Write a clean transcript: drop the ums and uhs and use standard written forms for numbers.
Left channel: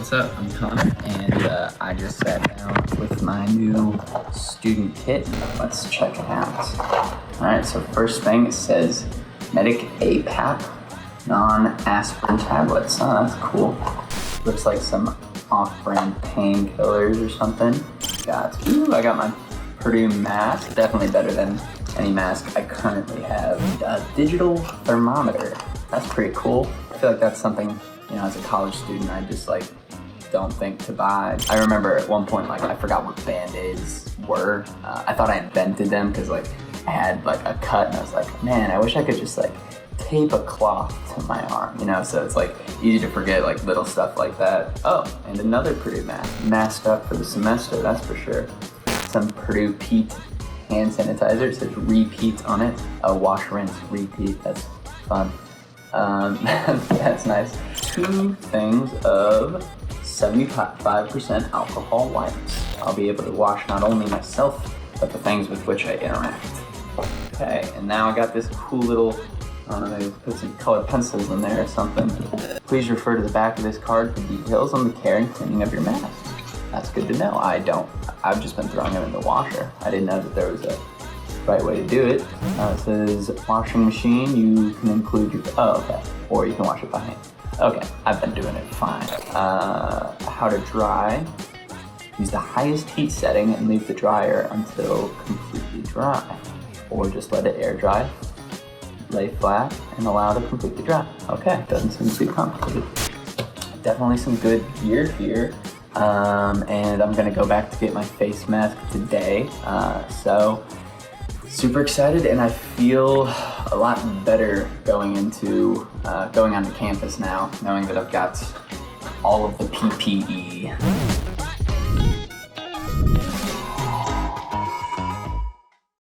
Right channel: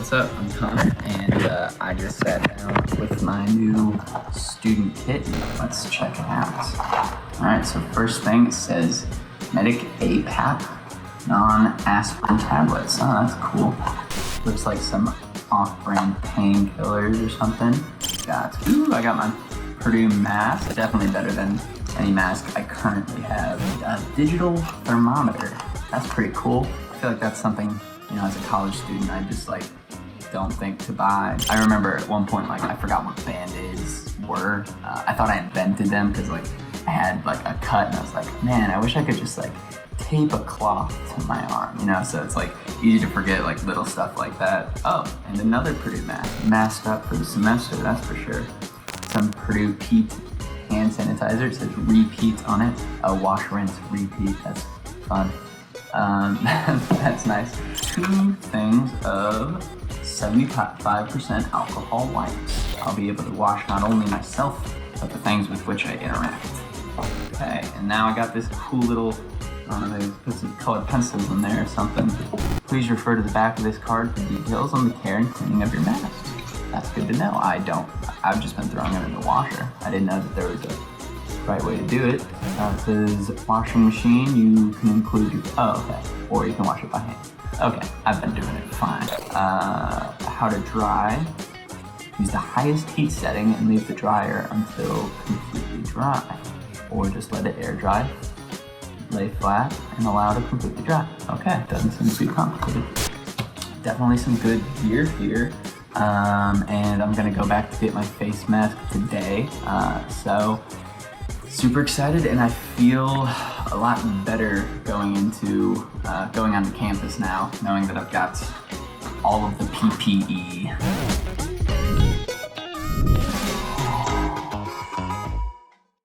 What's up? I'm Connor, and I just sat down with my new student kit. Let's check it out. Alright, so first thing, it says Medic APAP non-aspirin tablets. Oh, that's cool. Looks like some off-brand painkillers or something. I got my Purdue mask, definitely better than any mask I currently have. A digital thermometer, that's pretty cool. I feel like that's something, as a college student, I just don't think to buy. I remember at one point, I forgot what Band-Aids were. I thought I invented them because I had a cut and I was like, man, I wish I could just tape a cloth to my arm, so it's easy to forget little stuff like that. Oh, and another Purdue mask. Masked up for the semester, that's for sure. Some Purdue Pete hand sanitizer, it says repeat on it. Wash, rinse, repeat, that's fun. That's nice. 2 things of 75% alcohol wipes. I'll be able to wash not only myself, but the things with which I interact. Okay, and now I got this cool little, put some colored pencils in there or something. Please refer to the back of this card for details on the care and cleaning of your mask. That's good to know. I've just been throwing it in the washer. I didn't know that there was a right way to do it. It says washing machine, you can include your, or you can wash it by hand. Okay, I've been doing it fine. How to dry. Use the highest heat setting and leave the dryer until completely dry. Or just let it air dry. Lay flat and allow it to completely dry. Okay, doesn't seem too complicated. Definitely some good gear here. And I'm gonna go back to get my face mask today. So super excited, and I feel a lot better going on campus now, knowing that I've got all of the PPE.